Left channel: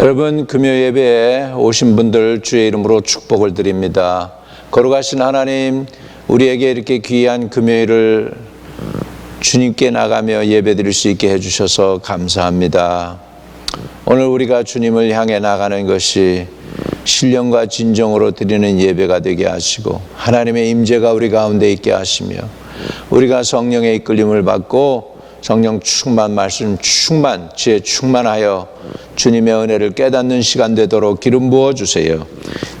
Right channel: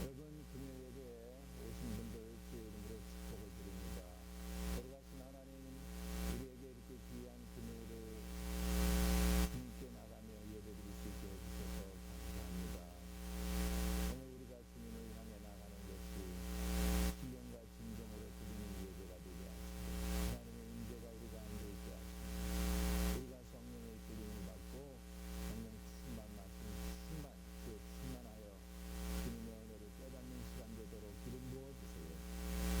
여러분, 금요 예배에 오신 분들 주의 이름으로 축복을 드립니다. 거룩하신 하나님, 우리에게 이렇게 귀한 금요일을 주님께 나가며 예배 드릴 수 있게 해주셔서 감사합니다. 오늘 우리가 주님을 향해 나가는 것이 신령과 진정으로 드리는 예배가 되게 하시고, 하나님의 임재가 우리 가운데 있게 하시며, 우리가 성령의 이끌림을 받고 성령 충만, 말씀 충만, 지혜 충만하여 주님의 은혜를 깨닫는 시간 되도록 기름 부어주세요.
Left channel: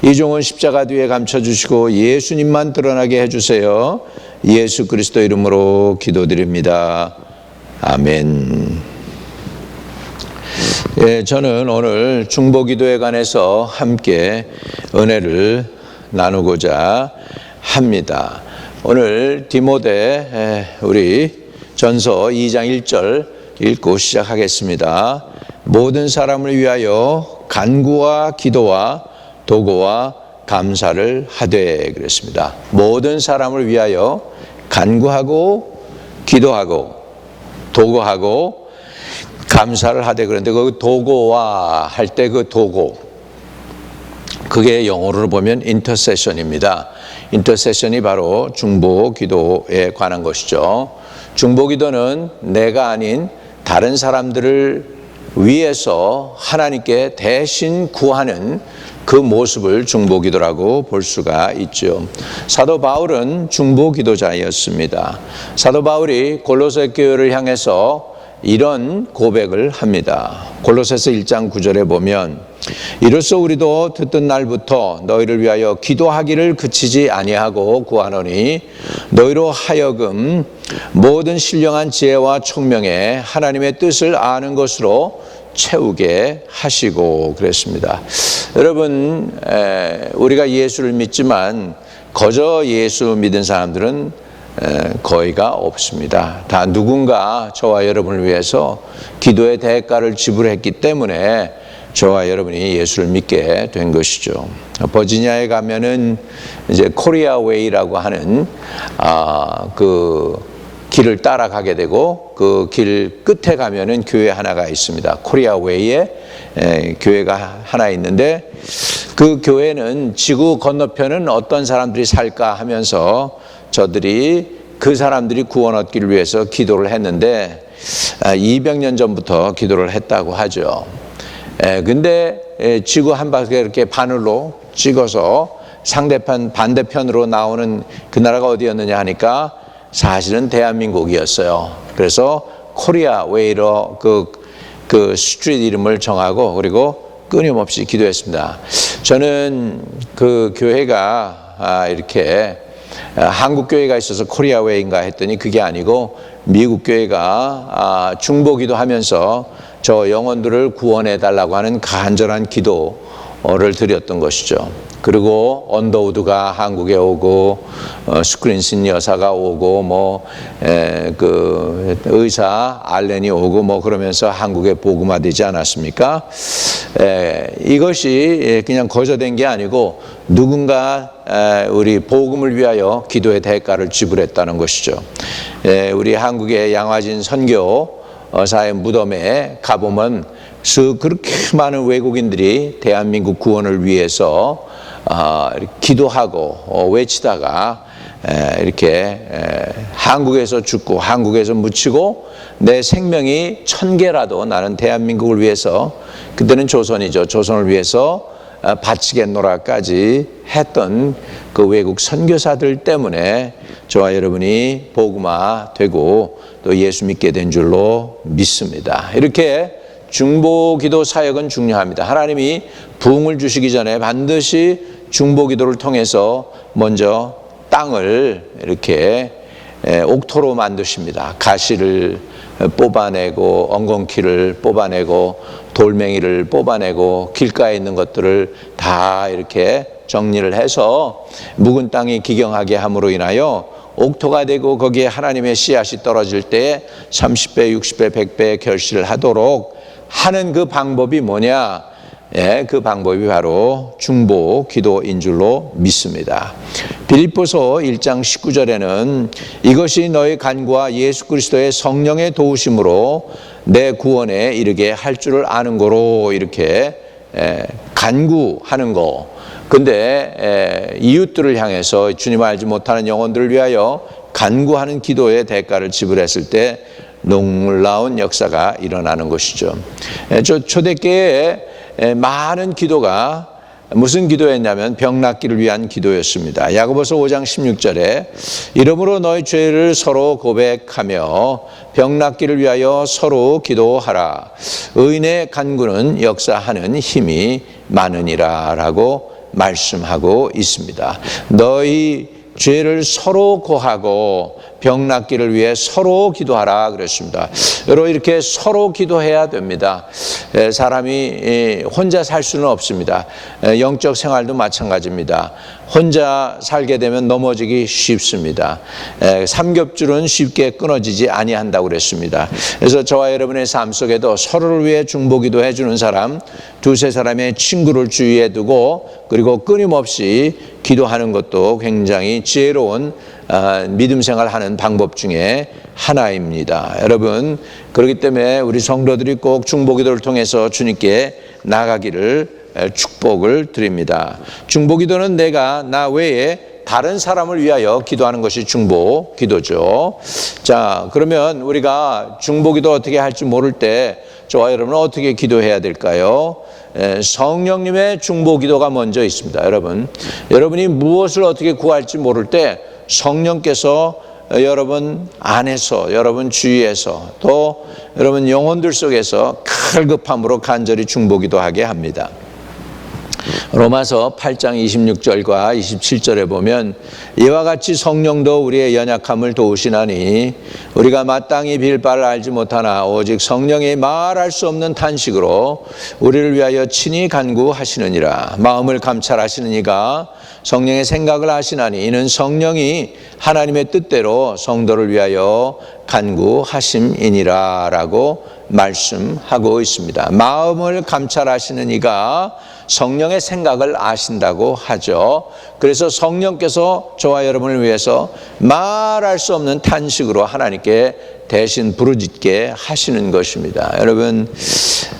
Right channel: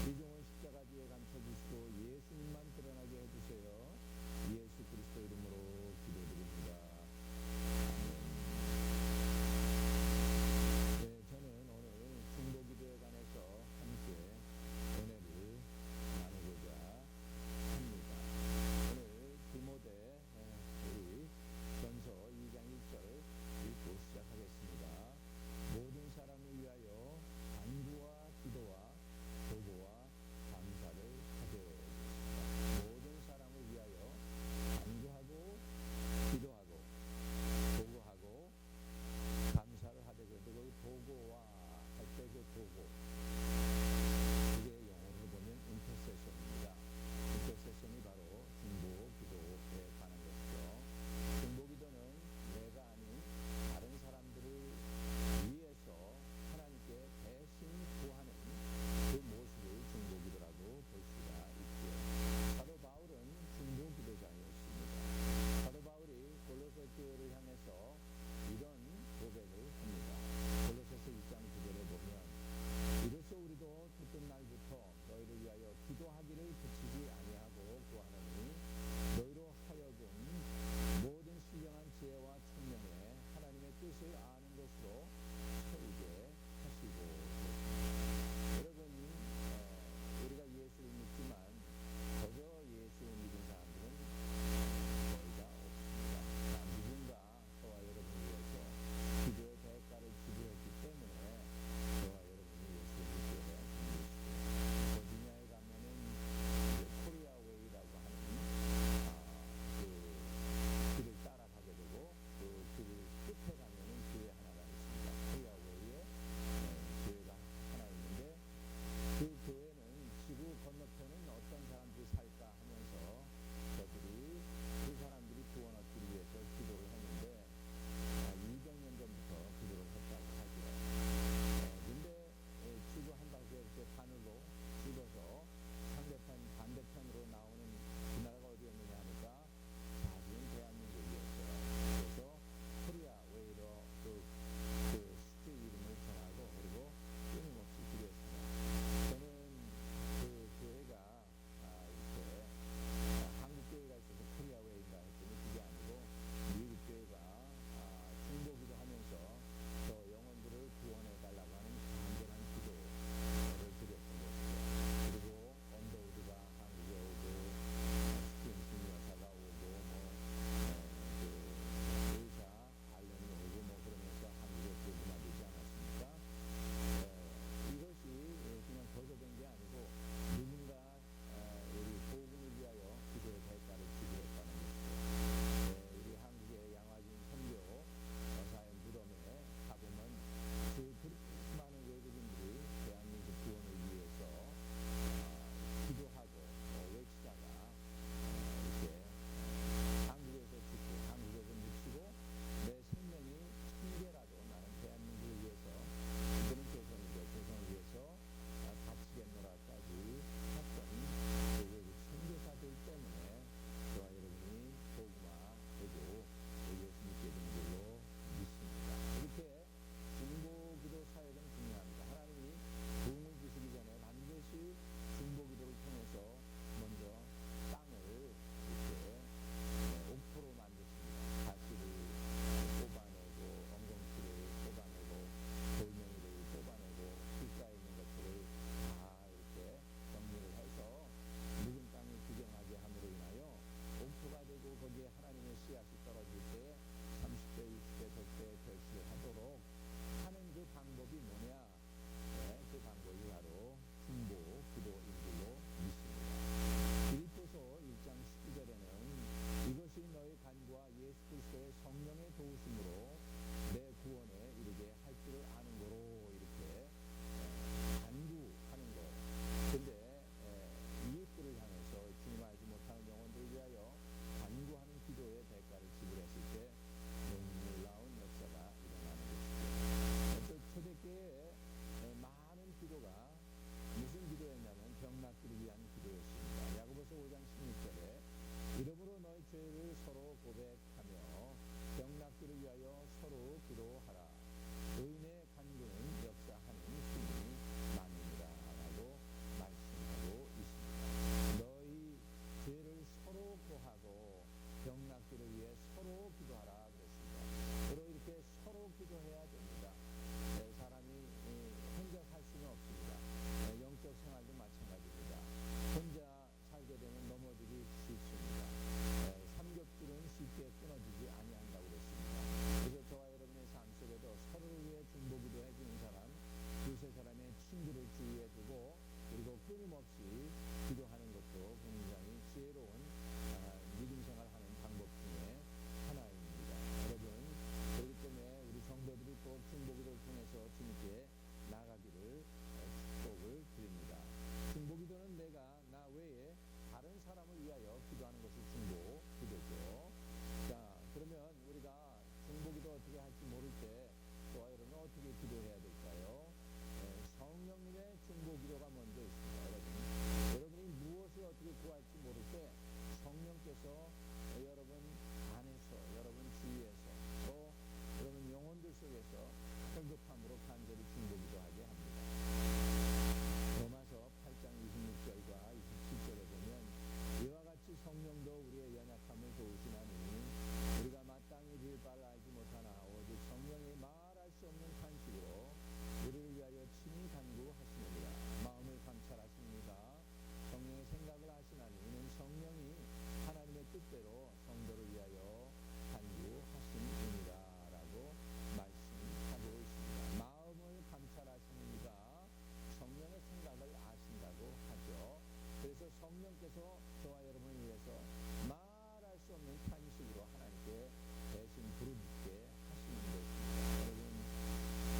이종은 십자가 뒤에 감춰주시고 예수님만 드러나게 해주세요. 예수 그리스도 이름으로 기도드립니다. 아멘. 저는 오늘 중보기도에 관해서 함께 은혜를 나누고자 합니다. 오늘 디모데 우리 전서 2장 1절 읽고 시작하겠습니다. 모든 사람을 위하여 간구와 기도와 도구와 감사를 하되 그랬습니다. 모든 사람을 위하여 간구하고 기도하고 도구하고 감사를 하되 그런데 그 도구와 할 때 그 도구, 그게 영어로 보면 인터세션입니다. 인터세션이 바로 중보 기도에 관한 것이죠. 중보 기도는 내가 아닌 다른 사람들을 위해서 하나님께 대신 구하는 그 모습을 중보 기도라고 볼 수가 있죠. 사도 바울은 중보 기도자였습니다. 사도 바울이 골로새 교회를 향해서 이런 고백을 합니다. 골로새서 1장 9절에 보면 이로써 우리도 듣던 날부터 너희를 위하여 기도하기를 그치지 아니하고 구하노니 너희로 하여금 모든 신령한 지혜와 총명에 하나님의 뜻을 아는 것으로 채우게 하시고 그랬습니다. 여러분, 우리가 예수를 믿지만 거저 예수 믿은 사람들은 거의가 없습니다. 다 누군가 저와 여러분을 위해서 기도의 대가를 지불했기 때문에 저와 여러분이 예수를 믿게 된 것이죠. 버지니아에 가면은 이제 코리아 웨이라고 하는 그 길을 따라가게 되고 그 길 끝에 가면은 교회 하나가 있습니다. 코리아 웨이에 교회가 하나 있는데 그 교회는 지구 건너편은 어떤 사람들이 살까 하면서 저들이 그 사람들이 구원 얻기를 위해서 기도를 했는데 200년 전부터 기도를 했다고 하죠. 근데 지구 한 바퀴 이렇게 바늘로 찍어서 상대편 반대편으로 나오는 그 나라가 어디였느냐 하니까 사실은 대한민국이었어요. 그래서 코리아 웨이로 그 스트리트 이름을 정하고 그리고 끊임없이 기도했습니다. 저는 그 교회가 이렇게 한국 교회가 있어서 코리아 웨이인가 했더니 그게 아니고 미국 교회가 중보기도 하면서 저 영혼들을 구원해 달라고 하는 간절한 기도를 드렸던 것이죠. 그리고 언더우드가 한국에 오고 스크린슨 여사가 오고 그 의사 알렌이 오고 그러면서 한국에 복음화되지 않았습니까? 이것이 그냥 거저된 게 아니고 누군가 우리 복음을 위하여 기도의 대가를 지불했다는 것이죠. 우리 한국의 양화진 선교사의 무덤에 가보면 그렇게 많은 외국인들이 대한민국 구원을 위해서 기도하고 외치다가 이렇게 한국에서 죽고 한국에서 묻히고 내 생명이 1000개라도 나는 대한민국을 위해서, 그때는 조선이죠, 조선을 위해서 바치겠노라까지 했던 그 외국 선교사들 때문에 저와 여러분이 복음화 되고 또 예수 믿게 된 줄로 믿습니다. 이렇게 중보기도 사역은 중요합니다. 하나님이 부흥을 주시기 전에 반드시 중보기도를 통해서 먼저 땅을 이렇게 옥토로 만드십니다. 가시를 뽑아내고 엉겅퀴를 뽑아내고 돌멩이를 뽑아내고 길가에 있는 것들을 다 이렇게 정리를 해서 묵은 땅이 기경하게 함으로 인하여 옥토가 되고 거기에 하나님의 씨앗이 떨어질 때 30배, 60배, 100배 결실을 하도록 하는 그 방법이 뭐냐? 그 방법이 바로 중보 기도인 줄로 믿습니다. 빌립보서 1장 19절에는 이것이 너희 간구와 예수 그리스도의 성령의 도우심으로 내 구원에 이르게 할 줄을 아는 거로 이렇게 간구하는 거. 근데 이웃들을 향해서 주님을 알지 못하는 영혼들을 위하여 간구하는 기도의 대가를 지불했을 때 놀라운 역사가 일어나는 것이죠. 초대교회에 많은 기도가 무슨 기도였냐면 병 낫기를 위한 기도였습니다. 야고보서 5장 16절에 이러므로 너희 죄를 서로 고백하며 병 낫기를 위하여 서로 기도하라. 의인의 간구는 역사하는 힘이 많으니라 라고 말씀하고 있습니다. 너희 죄를 서로 고하고 병 낫기를 위해 서로 기도하라 그랬습니다. 여러분 이렇게 서로 기도해야 됩니다. 사람이 혼자 살 수는 없습니다. 영적 생활도 마찬가지입니다. 혼자 살게 되면 넘어지기 쉽습니다. 삼겹줄은 쉽게 끊어지지 아니한다고 그랬습니다. 그래서 저와 여러분의 삶 속에도 서로를 위해 중보기도 해주는 사람, 두세 사람의 친구를 주위에 두고 그리고 끊임없이 기도하는 것도 굉장히 지혜로운 믿음 생활하는 방법 중에 하나입니다. 여러분 그렇기 때문에 우리 성도들이 꼭 중보기도를 통해서 주님께 나가기를 축복을 드립니다. 중보기도는 내가 나 외에 다른 사람을 위하여 기도하는 것이 중보기도죠. 자, 그러면 우리가 중보기도 어떻게 할지 모를 때 저와 여러분은 어떻게 기도해야 될까요? 성령님의 중보기도가 먼저 있습니다. 여러분이 무엇을 어떻게 구할지 모를 때 성령께서 여러분 안에서, 여러분 주위에서 또 여러분 영혼들 속에서 갈급함으로 간절히 중보기도하게 합니다. 로마서 8장 26절과 27절에 보면 이와 같이 성령도 우리의 연약함을 도우시나니 우리가 마땅히 빌 바를 알지 못하나 오직 성령이 말할 수 없는 탄식으로 우리를 위하여 친히 간구하시느니라. 마음을 감찰하시는 이가 성령의 생각을 아시나니 이는 성령이 하나님의 뜻대로 성도를 위하여 간구하심이니라 라고 말씀하고 있습니다. 마음을 감찰하시는 이가 성령의 생각을 아신다고 하죠. 그래서 성령께서 저와 여러분을 위해서 말할 수 없는 탄식으로 하나님께 대신 부르짖게 하시는 것입니다. 여러분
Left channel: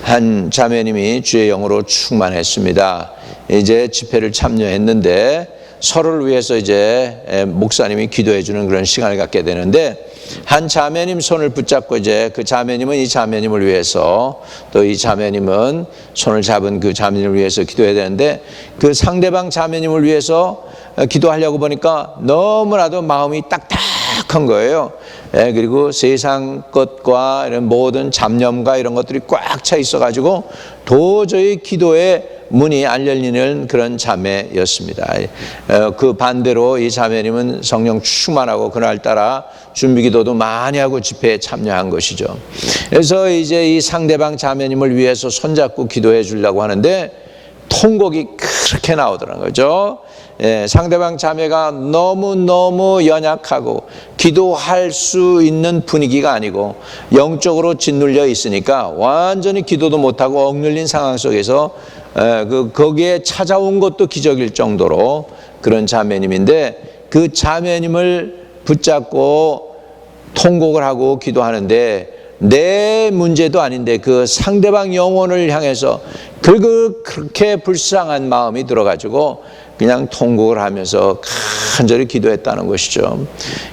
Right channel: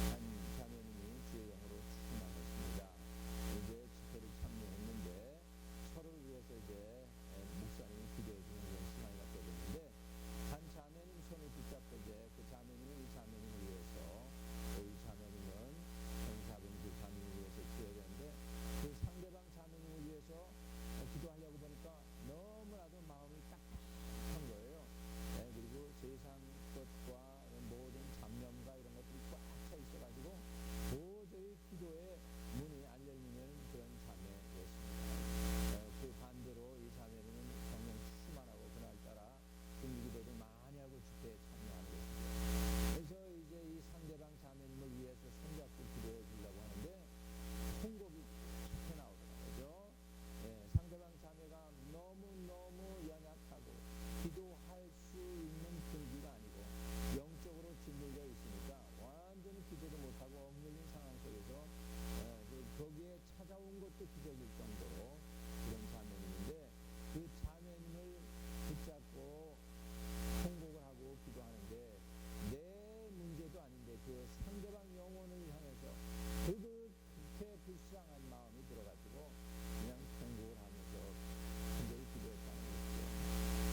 한 자매님이 주의 영으로 충만했습니다. 이제 집회를 참여했는데 서로를 위해서 이제 목사님이 기도해 주는 그런 시간을 갖게 되는데 한 자매님 손을 붙잡고 이제 그 자매님은 이 자매님을 위해서 또 이 자매님은 손을 잡은 그 자매님을 위해서 기도해야 되는데 그 상대방 자매님을 위해서 기도하려고 보니까 너무나도 마음이 딱딱한 거예요. 그리고 세상 것과 이런 모든 잡념과 이런 것들이 꽉 차 있어가지고 도저히 기도에 문이 안 열리는 그런 자매였습니다. 그 반대로 이 자매님은 성령 충만하고 그날따라 준비기도도 많이 하고 집회에 참여한 것이죠. 그래서 이제 이 상대방 자매님을 위해서 손잡고 기도해 주려고 하는데 통곡이 그렇게 나오더라는 거죠. 상대방 자매가 너무너무 연약하고 기도할 수 있는 분위기가 아니고 영적으로 짓눌려 있으니까 완전히 기도도 못하고 억눌린 상황 속에서 거기에 찾아온 것도 기적일 정도로 그런 자매님인데 그 자매님을 붙잡고 통곡을 하고 기도하는데 내 문제도 아닌데 그 상대방 영혼을 향해서 그렇게 불쌍한 마음이 들어가지고 그냥 통곡을 하면서 간절히 기도했다는 것이죠.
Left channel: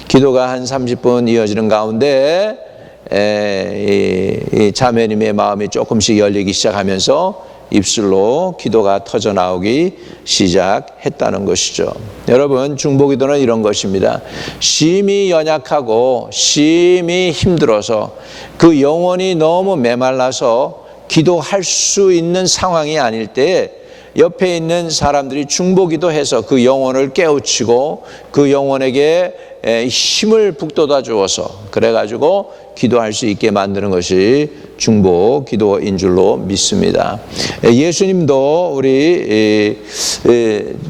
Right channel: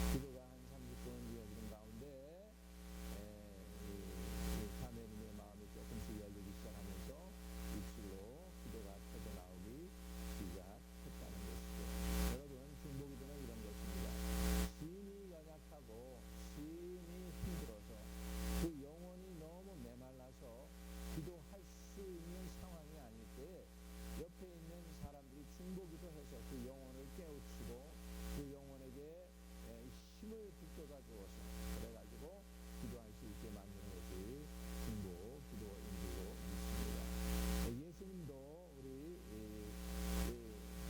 기도가 한 30분 이어지는 가운데 이 자매님의 마음이 조금씩 열리기 시작하면서 입술로 기도가 터져 나오기 시작했다는 것이죠. 여러분 중보기도는 이런 것입니다. 심히 연약하고 심히 힘들어서 그 영혼이 너무 메말라서 기도할 수 있는 상황이 아닐 때 옆에 있는 사람들이 중보기도해서 그 영혼을 깨우치고 그 영혼에게 힘을 북돋아 주어서 그래가지고 기도할 수 있게 만드는 것이 중보기도인 줄로 믿습니다. 예수님도 우리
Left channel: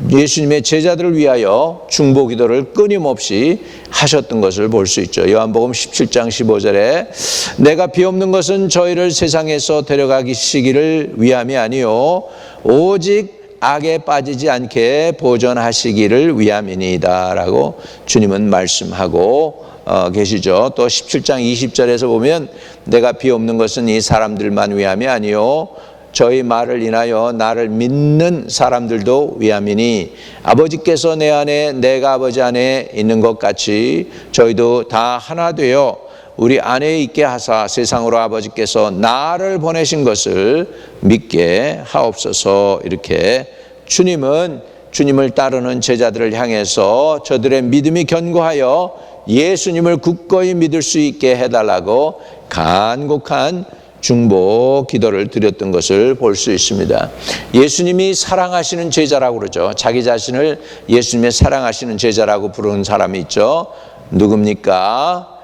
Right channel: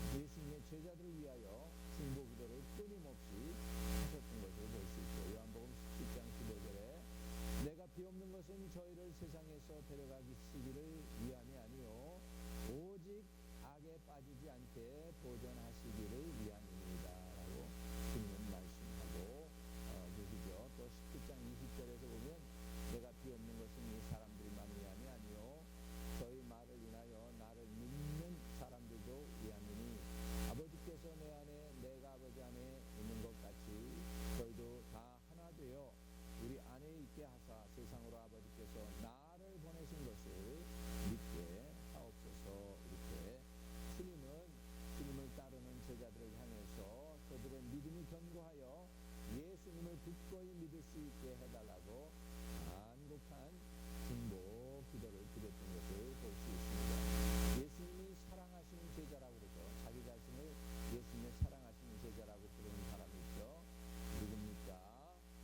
예수님의 제자들을 위하여 중보기도를 끊임없이 하셨던 것을 볼 수 있죠. 요한복음 17장 15절에 내가 비옵는 것은 저희를 세상에서 데려가시기를 위함이 아니요 오직 악에 빠지지 않게 보존하시기를 위함이니이다 라고 주님은 말씀하고 계시죠. 또 17장 20절에서 보면 내가 비옵는 것은 이 사람들만 위함이 아니요 저희 말을 인하여 나를 믿는 사람들도 위함이니 아버지께서 내 안에 내가 아버지 안에 있는 것 같이 저희도 다 하나 되어 우리 안에 있게 하사 세상으로 아버지께서 나를 보내신 것을 믿게 하옵소서. 이렇게 주님을 따르는 제자들을 향해서 저들의 믿음이 견고하여 예수님을 굳건히 믿을 수 있게 해달라고 간곡한 중보 기도를 드렸던 것을 볼 수 있습니다. 예수님이 사랑하시는 제자라고 그러죠. 자기 자신을 예수님의 사랑하시는 제자라고 부르는 사람이 있죠. 누굽니까?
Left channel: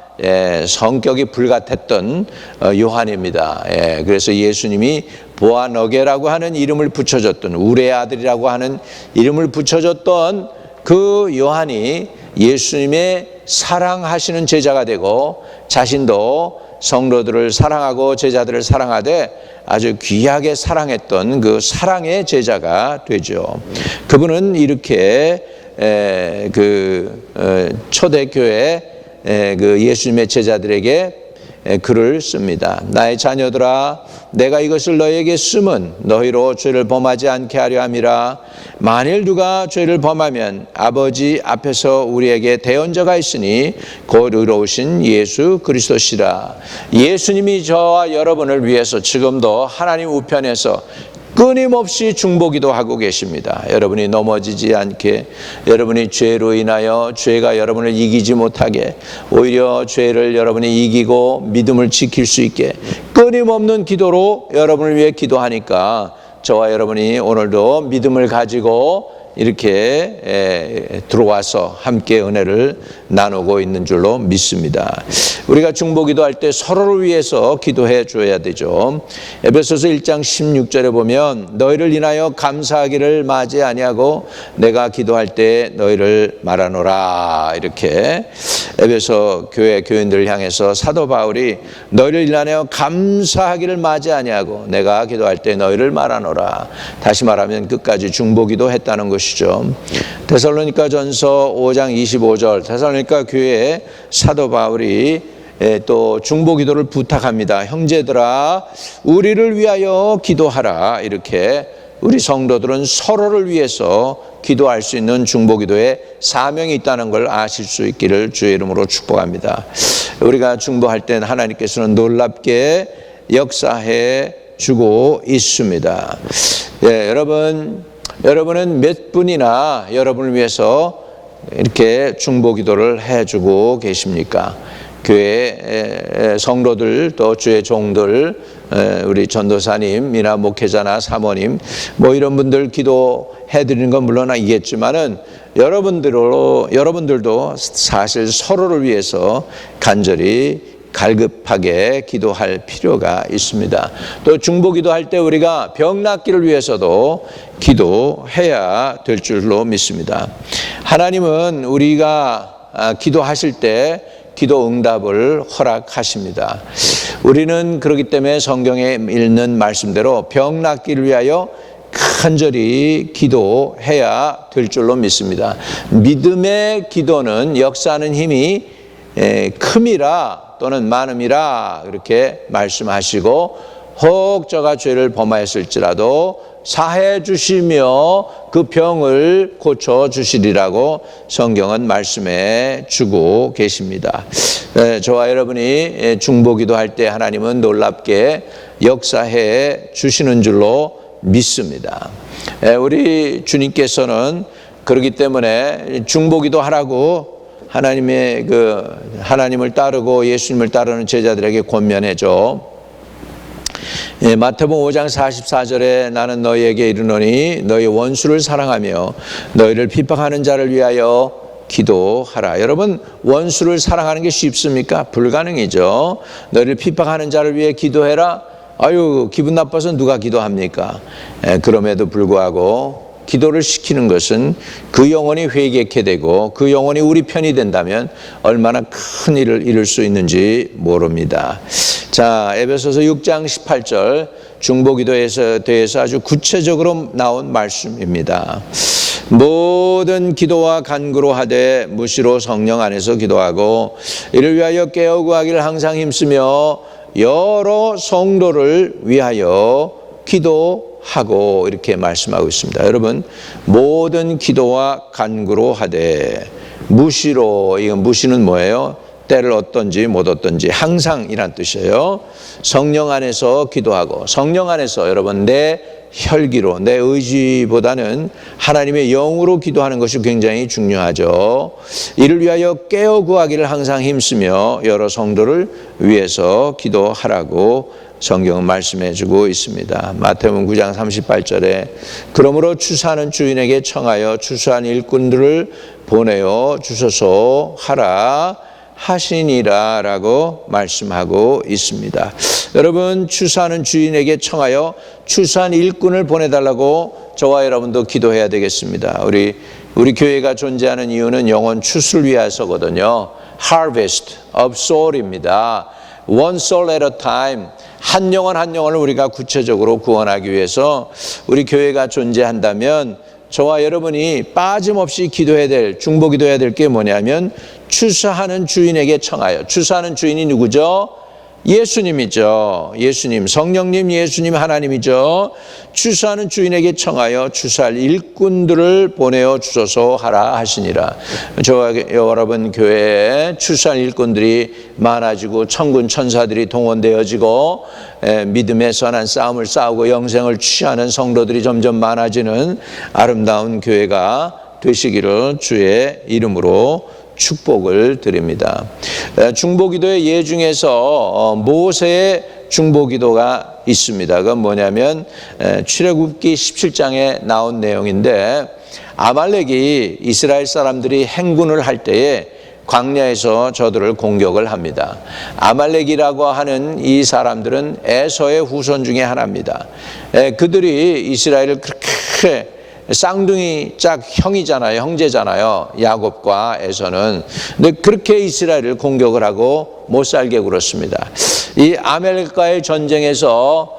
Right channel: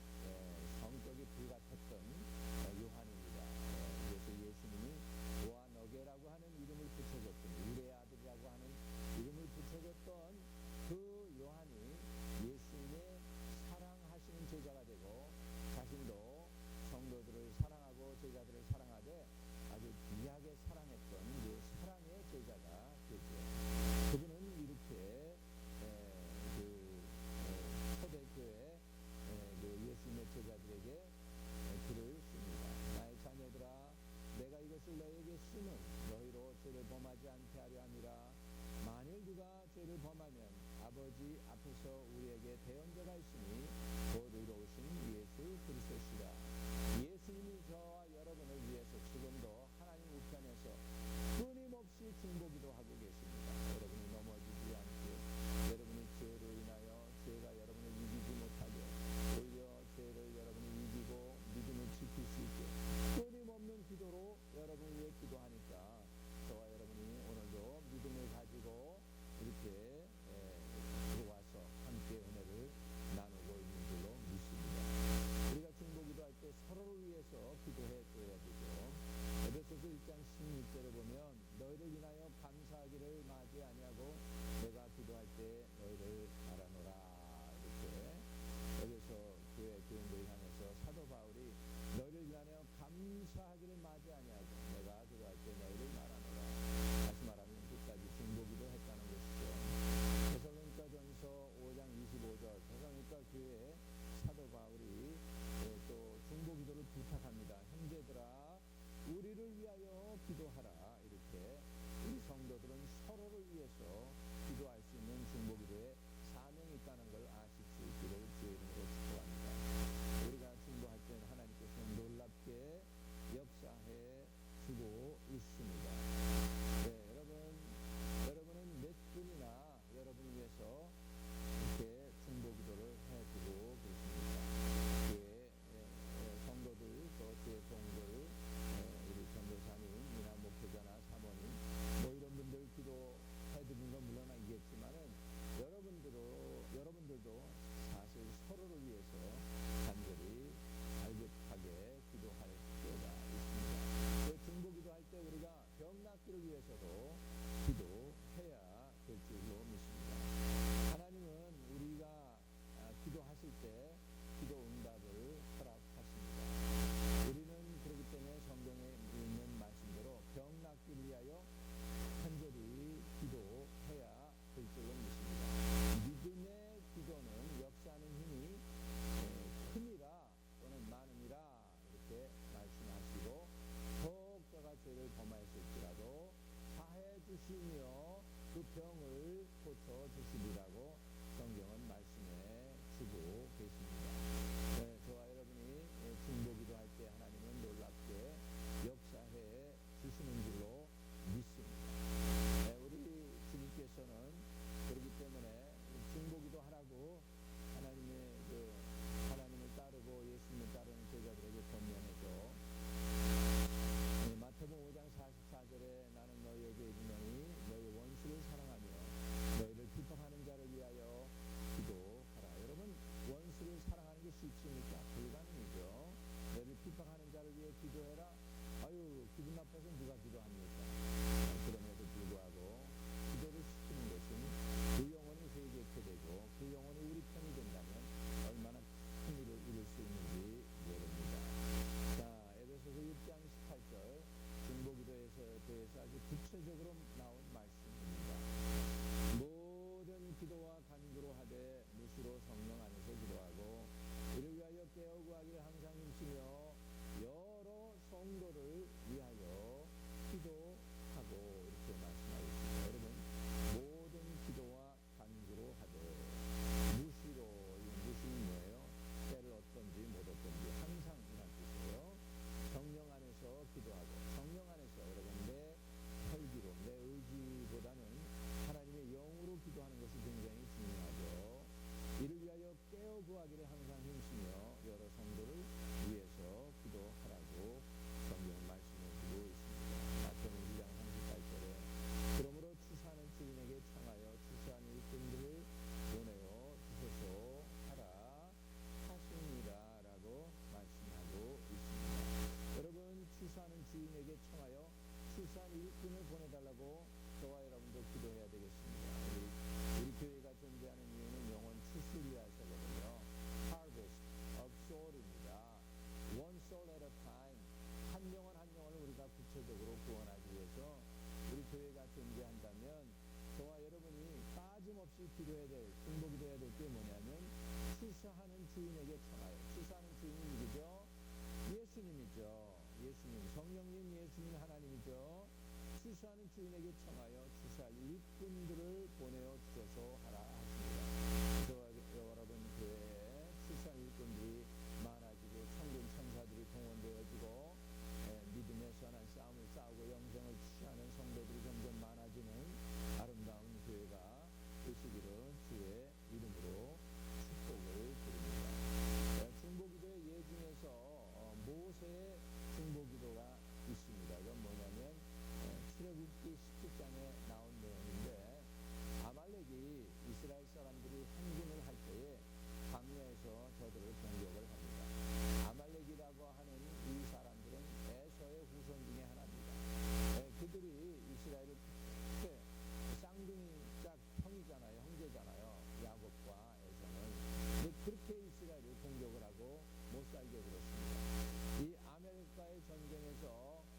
성격이 불같았던 요한입니다. 그래서 예수님이 보아너게라고 하는 이름을 붙여줬던, 우레의 아들이라고 하는 이름을 붙여줬던 그 요한이 예수님의 사랑하시는 제자가 되고 자신도 성도들을 사랑하고 제자들을 사랑하되 아주 귀하게 사랑했던 그 사랑의 제자가 되죠. 그분은 이렇게 초대교회 그 예수님의 제자들에게 글을 씁니다. 나의 자녀들아, 내가 이것을 너희에게 쓰면 너희로 죄를 범하지 않게 하려 함이라. 만일 누가 죄를 범하면 아버지 앞에서 우리에게 대언자가 있으니 곧 의로우신 예수 그리스도시라. 예수님이 저와 여러분을 위해서 지금도 하나님 우편에서 끊임없이 중보기도 하고 계십니다. 여러분이 넘어지지 않게, 여러분이 죄로 인하여 죄가 여러분을 이기지 못하게, 오히려 죄를 여러분이 이기고 믿음을 지킬 수 있게 끊임없는 기도로 여러분을 위해 기도하니까 저와 여러분이 오늘도 믿음을 가지고 이렇게 들어와서 함께 은혜를 나누고 있는 줄로 믿습니다. 우리가 중보기도할 때 서로를 위해서 기도해 줘야 되죠. 에베소서 1장 16절에 보면 너희를 인하여 감사하기를 마지 아니하고 내가 기도할 때 너희를 말하노라. 이렇게 에베소 교회 교인들을 향해서 사도 바울이 너희를 인하여 감사하기를 마지 아니하고 내가 기도할 때 너희를 말하노라. 다시 말하면 끝까지 중보기도 했다는 것이죠. 데살로니가전서 5장 25절 데살로니가 교회에 사도 바울이 또 중보기도를 부탁합니다. 형제들아, 우리를 위하여 기도하라. 이렇게 우리 성도들은 서로를 위해서 기도할 수 있는 중보기도에 사명이 있다는 걸 아실 수 있기를 주의 이름으로 축복합니다. 우리가 중보할 때 하나님께서는 놀랍게 역사해 주고 있습니다. 여러분은 몇 분이나 여러분을 위해서 이렇게 중보기도를 해주고 계십니까? 교회 성도들 또 주의 종들, 우리 전도사님이나 목회자나 사모님 뭐 이런 분들 기도해 드리는 건 물론 알겠지만은 여러분들도 사실 서로를 위해서 간절히 갈급하게 기도할 필요가 있습니다. 또 중보기도할 때 우리가 병 낫기를 위해서도 기도해야 될 줄로 믿습니다. 하나님은 우리가 기도하실 때 기도 응답을 허락하십니다. 우리는 그렇기 때문에 성경에 읽는 말씀대로 병 낫기를 위하여 간절히 기도해야 될 줄로 믿습니다. 믿음의 기도는 역사하는 힘이 큼이라 또는 많음이라 그렇게 말씀하시고 혹 저가 죄를 범하였을지라도 사해 주시며 그 병을 고쳐 주시리라고 성경은 말씀해 주고 계십니다. 저와 여러분이 중보기도 할 때 하나님은 놀랍게 역사해 주시는 줄로 믿습니다. 우리 주님께서는 그렇기 때문에 중보기도 하라고 하나님을 따르고 예수님을 따르는 제자들에게 권면해줘. 마태복음 5장 44절에 나는 너희에게 이르노니 너희 원수를 사랑하며 너희를 핍박하는 자를 위하여 기도하라. 여러분, 원수를 사랑하는 게 쉽습니까? 불가능이죠. 너희를 핍박하는 자를 위해 기도해라. 아유, 기분 나빠서 누가 기도합니까? 그럼에도 불구하고 기도를 시키는 것은 그 영혼이 회개케 되고 그 영혼이 우리 편이 된다면 얼마나 큰 일을 이룰 수 있는지 모릅니다. 자, 에베소서 6장 18절 중보기도에 대해서 아주 구체적으로 나온 말씀입니다. 모든 기도와 간구로 하되 무시로 성령 안에서 기도하고 이를 위하여 깨어 구하기를 항상 힘쓰며 여러 성도를 위하여 기도하고 이렇게 말씀하고 있습니다. 여러분, 모든 기도와 간구로 하되 무시로, 이건 무시는 뭐예요? 때를 얻든지 못 얻든지 항상이란 뜻이에요. 성령 안에서 기도하고, 성령 안에서 여러분 내 혈기로, 내 의지보다는 하나님의 영으로 기도하는 것이 굉장히 중요하죠. 이를 위하여 깨어 구하기를 항상 힘쓰며 여러 성도를 위해서 기도하라고 성경은 말씀해 주고 있습니다. 마태복음 9장 38절에 그러므로 추수하는 주인에게 청하여 추수한 일꾼들을 보내어 주소서 하라 하시니라 라고 말씀하고 있습니다. 여러분, 추수하는 주인에게 청하여 추수한 일꾼을 보내달라고 저와 여러분도 기도해야 되겠습니다. 우리 교회가 존재하는 이유는 영혼 추수를 위해서거든요. Harvest of soul입니다. One soul at a time. 한 영혼 한 영혼을 우리가 구체적으로 구원하기 위해서 우리 교회가 존재한다면 저와 여러분이 빠짐없이 기도해야 될, 중보기도해야 될 게 뭐냐면 추수하는 주인에게 청하여. 추수하는 주인이 누구죠? 예수님이죠. 예수님, 성령님, 예수님, 하나님이죠. 추수하는 주인에게 청하여 추수할 일꾼들을 보내어 주소서 하라 하시니라. 저와 여러분 교회에 추수할 일꾼들이 많아지고 천군 천사들이 동원되어지고 믿음의 선한 싸움을 싸우고 영생을 취하는 성도들이 점점 많아지는 아름다운 교회가 되시기를 주의 이름으로 축복을 드립니다. 중보기도의 예 중에서 모세의 중보기도가 있습니다. 그건 뭐냐면 출애굽기 17장에 나온 내용인데 아말렉이 이스라엘 사람들이 행군을 할 때에 광야에서 저들을 공격을 합니다. 아말렉이라고 하는 이 사람들은 에서의 후손 중에 하나입니다. 그들이 이스라엘을 그렇게 쌍둥이 짝 형이잖아요. 형제잖아요. 야곱과 에서는. 근데 그렇게 이스라엘을 공격을 하고 못 살게 굴었습니다. 이 아말렉과의 전쟁에서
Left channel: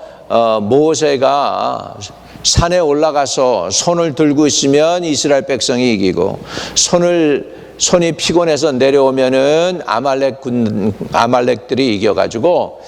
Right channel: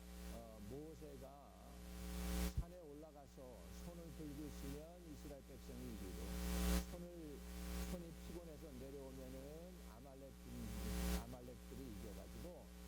모세가 산에 올라가서 손을 들고 있으면 이스라엘 백성이 이기고 손이 피곤해서 내려오면은 아말렉들이 이겨가지고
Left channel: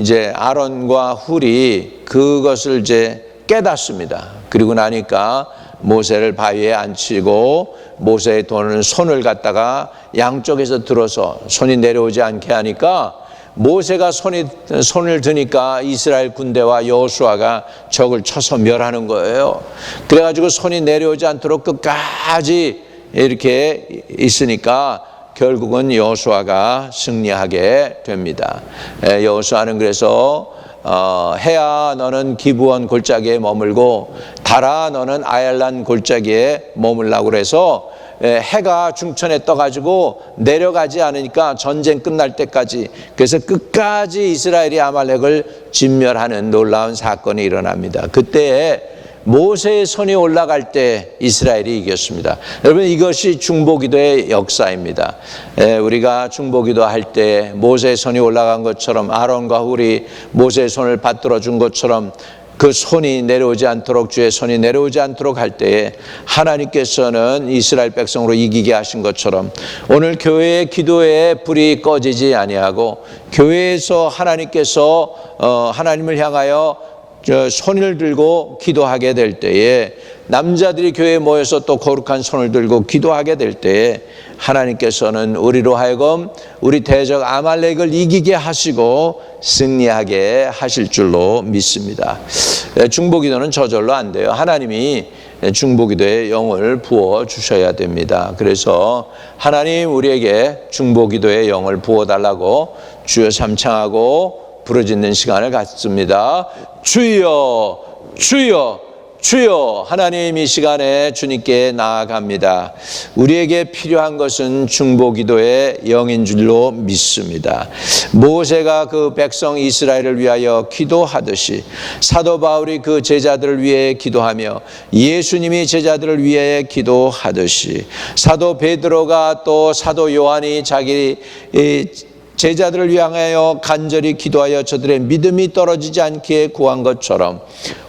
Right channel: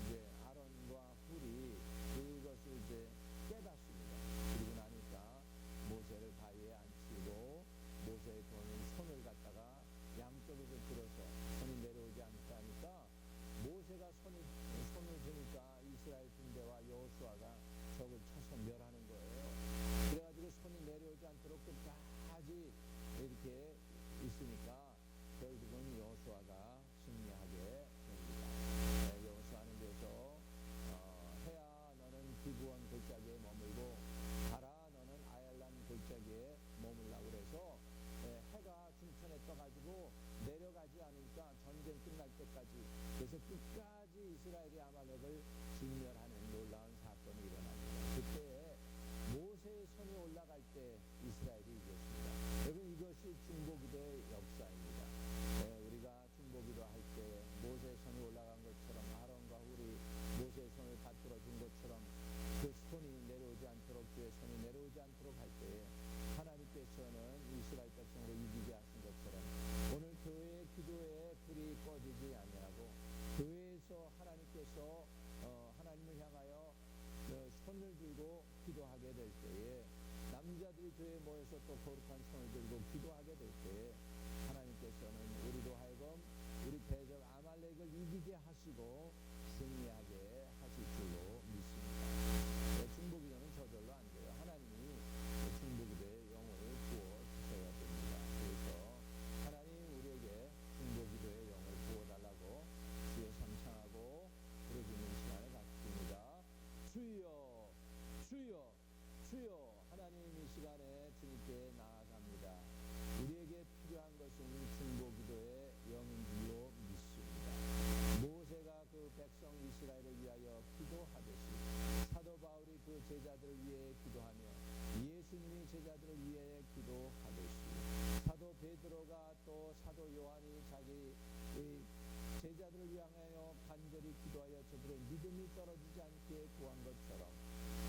이제 아론과 훌이 그것을 이제 깨닫습니다. 그리고 나니까 모세를 바위에 앉히고 모세의 손을 갖다가 양쪽에서 들어서 손이 내려오지 않게 하니까 모세가 손을 드니까 이스라엘 군대와 여호수아가 적을 쳐서 멸하는 거예요. 그래가지고 손이 내려오지 않도록 끝까지 이렇게 있으니까 결국은 여호수아가 승리하게 됩니다. 여호수아는 그래서 해야 너는 기브온 골짜기에 머물고 달아 너는 아얄란 골짜기에 머물라고 그래서 해가 중천에 떠가지고 내려가지 않으니까 전쟁 끝날 때까지, 그래서 끝까지 이스라엘이 아말렉을 진멸하는 놀라운 사건이 일어납니다. 그때 모세의 손이 올라갈 때 이스라엘이 이겼습니다. 여러분, 이것이 중보기도의 역사입니다. 우리가 중보기도 할 때 모세의 손이 올라간 것처럼 아론과 훌이 모세의 손을 받들어 준 것처럼 그 손이 내려오지 않도록, 주의 손이 내려오지 않도록 할 때에 하나님께서는 이스라엘 백성으로 이기게 하신 것처럼 오늘 교회의 기도에 불이 꺼지지 아니하고 교회에서 하나님께서 하나님을 향하여 손을 들고 기도하게 될 때에, 남자들이 교회에 모여서 또 거룩한 손을 들고 기도하게 될 때에 하나님께서는 우리로 하여금 우리 대적 아말렉을 이기게 하시고 승리하게 하실 줄로 믿습니다. 중보기도는 저절로 안 돼요. 하나님이 중보기도에 영을 부어 주셔야 됩니다. 그래서 하나님 우리에게 중보기도의 영을 부어달라고 주여 삼창하고 부르짖는 시간을 갖습니다. 주여, 주여, 주여. 하나님, 이 시간에 주님께 나아갑니다. 우리에게 필요한 것은 중보기도의 영인 줄로 믿습니다. 모세가 그 백성 이스라엘을 위하여 기도하듯이 사도 바울이 그 제자들을 위해 기도하며 예수님이 제자들을 위해 기도하듯이 사도 베드로가 또 사도 요한이 자기 제자들을 향하여 간절히 기도하여 저들의 믿음이 떨어지지 않게 구한 것처럼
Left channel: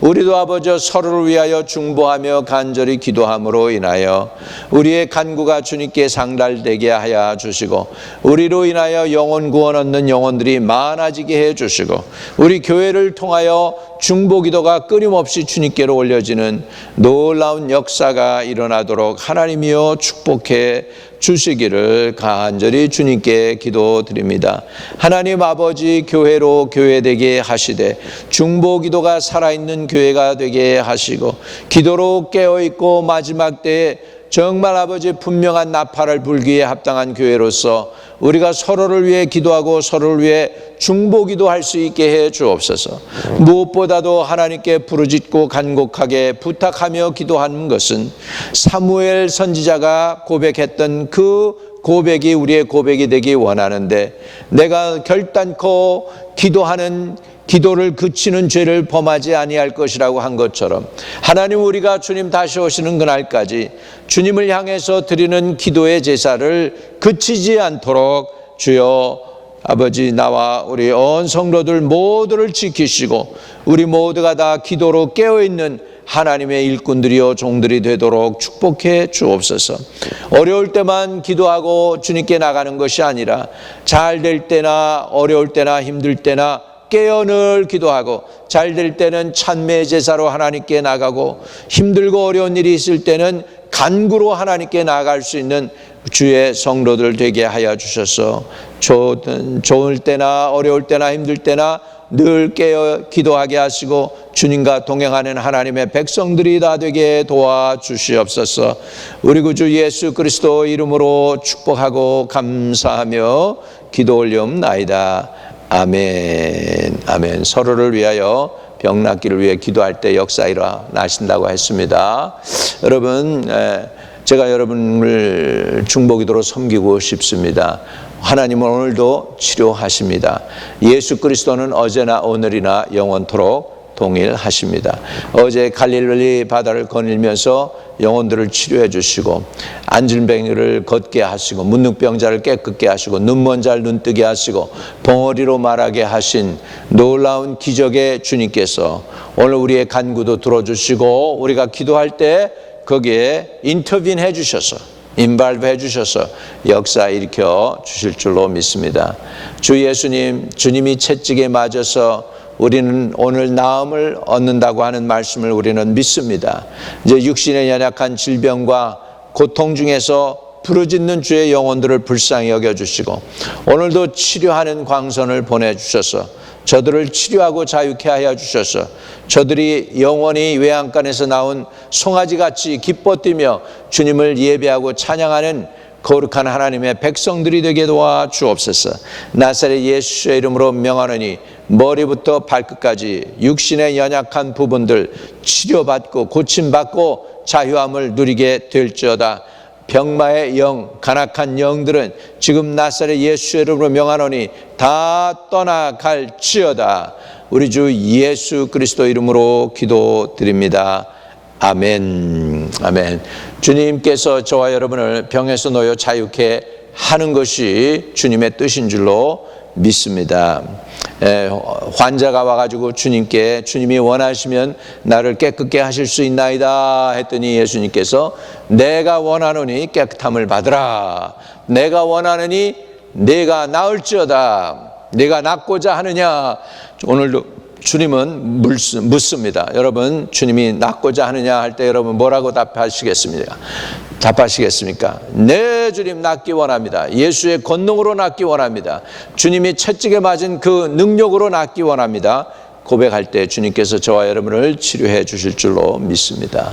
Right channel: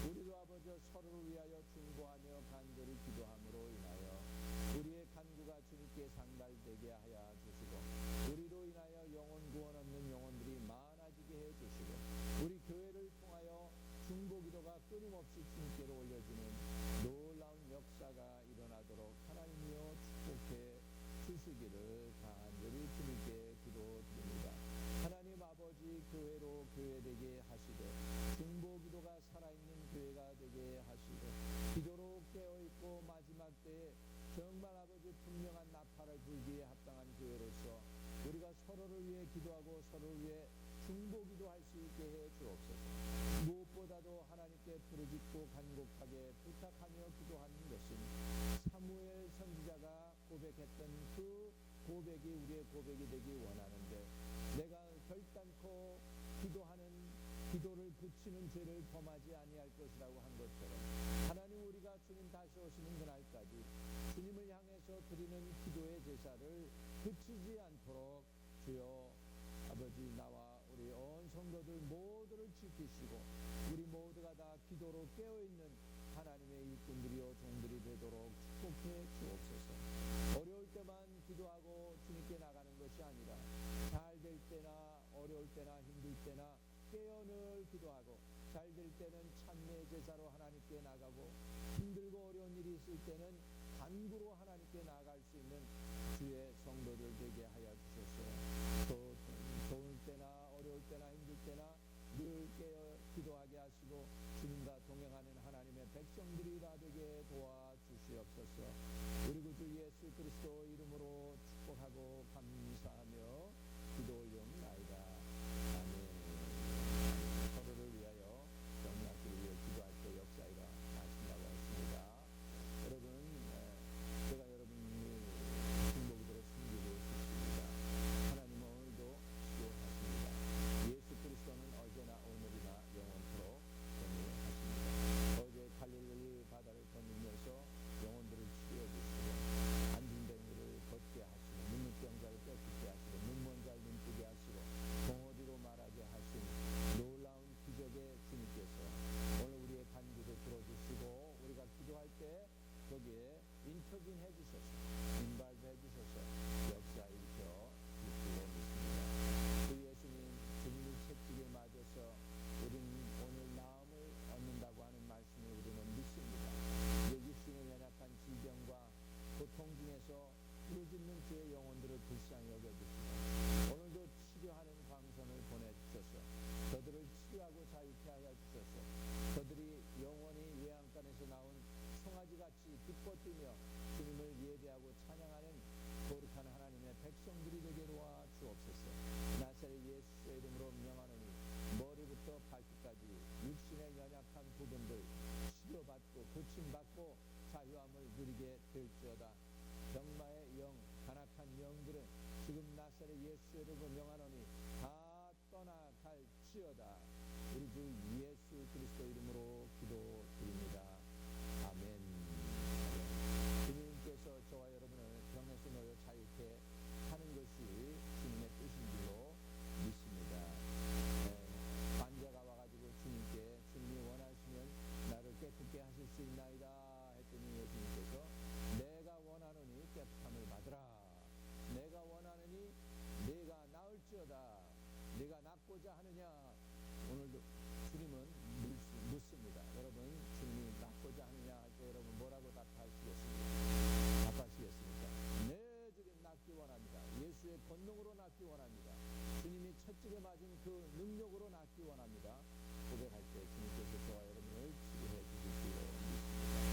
우리도 아버지 서로를 위하여 중보하며 간절히 기도함으로 인하여 우리의 간구가 주님께 상달되게 하여 주시고 우리로 인하여 영혼 구원 얻는 영혼들이 많아지게 해 주시고 우리 교회를 통하여 중보기도가 끊임없이 주님께로 올려지는 놀라운 역사가 일어나도록 하나님이여 축복해 주시기를 간절히 주님께 기도드립니다. 하나님 아버지, 교회로 교회되게 하시되 중보기도가 살아있는 교회가 되게 하시고 기도로 깨어있고 마지막 때에 정말 아버지 분명한 나팔을 불기에 합당한 교회로서 우리가 서로를 위해 기도하고 서로를 위해 중보기도할 수 있게 해 주옵소서. 무엇보다도 하나님께 부르짖고 간곡하게 부탁하며 기도하는 것은 사무엘 선지자가 고백했던 그 고백이 우리의 고백이 되기 원하는데, 내가 결단코 기도하는 기도를 그치는 죄를 범하지 아니할 것이라고 한 것처럼 하나님, 우리가 주님 다시 오시는 그날까지 주님을 향해서 드리는 기도의 제사를 그치지 않도록 주여 아버지, 나와 우리 온 성도들 모두를 지키시고 우리 모두가 다 기도로 깨어있는 하나님의 일꾼들이요 종들이 되도록 축복해 주옵소서. 어려울 때만 기도하고 주님께 나가는 것이 아니라 잘 될 때나 어려울 때나 힘들 때나 깨어 늘 기도하고, 잘 될 때는 찬미의 제사로 하나님께 나가고, 힘들고 어려운 일이 있을 때는 간구로 하나님께 나아갈 수 있는 주의 성도들 되게 하여 주셔서 좋을 때나 어려울 때나 힘들 때나 늘 깨어 기도하게 하시고 주님과 동행하는 하나님의 백성들이 다 되게 도와주시옵소서. 우리 구주 예수 그리스도 이름으로 축복하고 감사하며 기도 올리옵나이다. 아멘. 아멘. 서로를 위하여 병 낫기를 위해 기도할 때 역사 일어나신다고 했습니다. 여러분, 제가 여러분을 중보기도로 섬기고 싶습니다. 하나님은 오늘도 치료하십니다. 예수 그리스도는 어제나 오늘이나 영원토록 동일하십니다. 어제 갈릴리 바다를 거닐면서 영혼들을 치료해 주시고, 안질병이를 걷게 하시고, 문둥병자를 깨끗게 하시고, 눈먼 자를 눈뜨게 하시고, 벙어리로 말하게 하신 놀라운 기적의 주님께서 오늘 우리의 간구도 들어주시고, 우리가 기도할 때 거기에 인터빈 해 주셔서, 인발브 해 주셔서 역사 일으켜 주실 줄로 믿습니다. 주 예수님, 주님이 채찍에 맞아서 우리는 오늘 나음을 얻는다고 하는 말씀을 우리는 믿습니다. 이제 육신의 연약한 질병과 고통 중에서 부르짖는 주의 영혼들을 불쌍히 여겨주시고, 오늘도 치료하는 광선을 보내주셔서 저들을 치료하고 자유케 하여 주셔서 저들이 영원히 외양간에서 나온 송아지같이 기뻐 뛰며 주님을 예배하고 찬양하는 거룩한 하나님의 백성들이 되게 도와 주옵소서. 나사렛 예수의 이름으로 명하노니 머리부터 발끝까지 육신의 연약한 부분들 치료받고 고침받고 자유함을 누리게 될지어다. 병마의 영, 간악한 영들은 지금 나사렛 예수의 이름으로 명하노니 다 떠나갈지어다. 우리 주 예수 그리스도 이름으로 기도드립니다. 아멘. 아멘. 주님께서 저와 여러분을 병에서 놓여 자유케 하는 것이 주님의 뜻인 줄로 믿습니다. 환자가 와가지고 주님께, 주님이 원하시면 나를 깨끗게 하실 수 있나이다 했더니 예수님께서 내가 원하노니 깨끗함을 받으라. 내가 원하노니 내가 나을지어다. 내가 낫고자 하느냐. 오늘도 주님은 묻습니다. 여러분, 주님이 낫고자 하느냐 할 때 여러분 뭐라고 답하시겠습니까? 네, 주님 낫기 원합니다. 예수의 권능으로 낫기 원합니다. 주님이 채찍에 맞은 그 능력으로 낫기 원합니다. 고백할 때 주님께서 저와 여러분을 치료해 주실 줄로 믿습니다.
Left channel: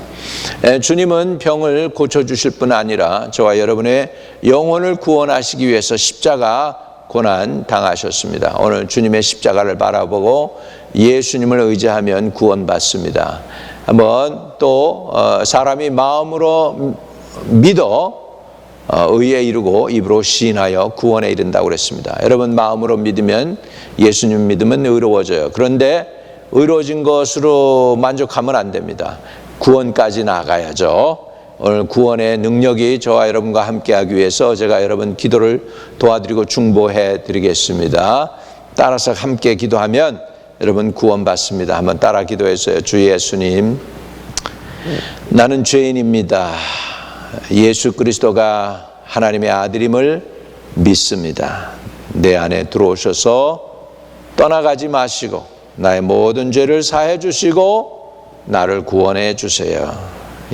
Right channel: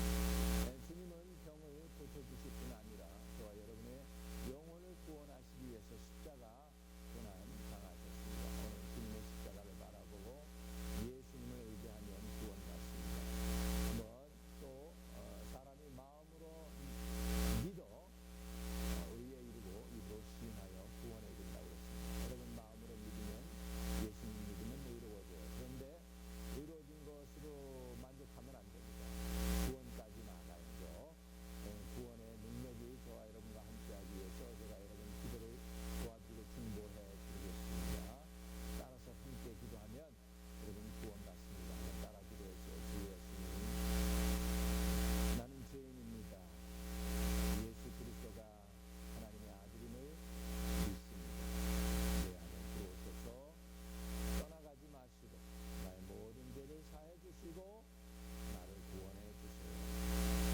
주님은 병을 고쳐주실 뿐 아니라 저와 여러분의 영혼을 구원하시기 위해서 십자가 고난 당하셨습니다. 오늘 주님의 십자가를 바라보고 예수님을 의지하면 구원받습니다. 한번 또 사람이 마음으로 믿어 의에 이르고 입으로 시인하여 구원에 이른다고 그랬습니다. 여러분, 마음으로 믿으면, 예수님 믿으면 의로워져요. 그런데 의로워진 것으로 만족하면 안 됩니다. 구원까지 나가야죠. 오늘 구원의 능력이 저와 여러분과 함께하기 위해서 제가 여러분 기도를 도와드리고 중보해 드리겠습니다. 따라서 함께 기도하면 여러분 구원받습니다. 한번 따라 기도해서요. 주 예수님, 나는 죄인입니다. 예수 그리스도가 하나님의 아들임을 믿습니다. 내 안에 들어오셔서 떠나가지 마시고 나의 모든 죄를 사해 주시고 나를 구원해 주세요.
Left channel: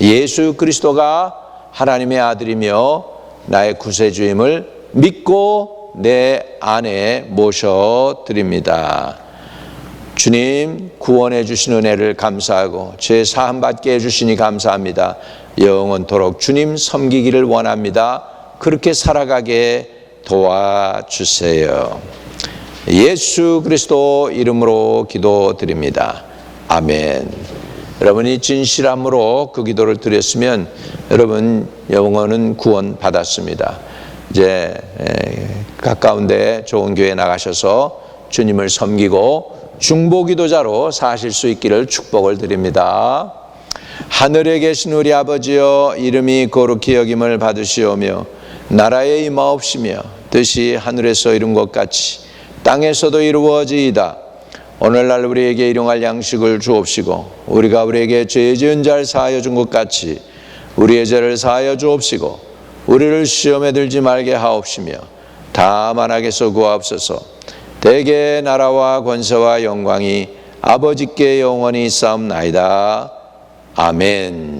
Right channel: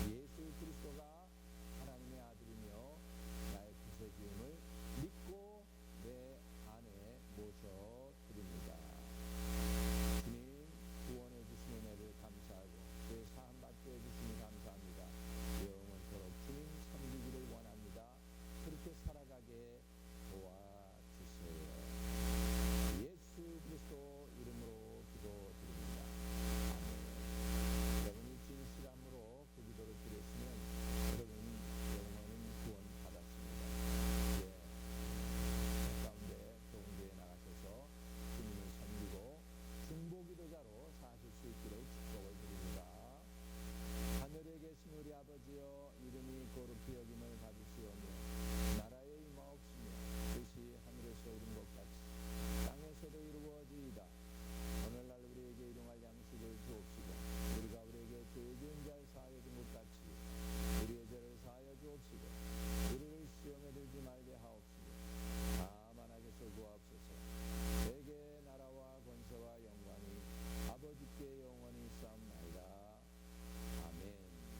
예수 그리스도가 하나님의 아들이며 나의 구세주임을 믿고 내 안에 모셔드립니다. 주님, 구원해 주신 은혜를 감사하고 죄 사함 받게 해주시니 감사합니다. 영원토록 주님 섬기기를 원합니다. 그렇게 살아가게 도와주세요. 예수 그리스도 이름으로 기도드립니다. 아멘. 여러분이 진실함으로 그 기도를 드렸으면 여러분 영혼은 구원 받았습니다. 이제 가까운 데 좋은 교회 나가셔서 주님을 섬기고 중보기도자로 사실 수 있기를 축복을 드립니다. 하늘에 계신 우리 아버지여, 이름이 거룩히 여김을 받으시오며 나라에 임하옵시며 뜻이 하늘에서 이룬 것 같이 땅에서도 이루어지이다. 오늘날 우리에게 일용할 양식을 주옵시고 우리가 우리에게 죄 지은 자를 사하여 준 것 같이 우리의 죄를 사하여 주옵시고 우리를 시험에 들지 말게 하옵시며 다만 악에서 구하옵소서. 대개 나라와 권세와 영광이 아버지께 영원히 있사옵나이다. 아멘.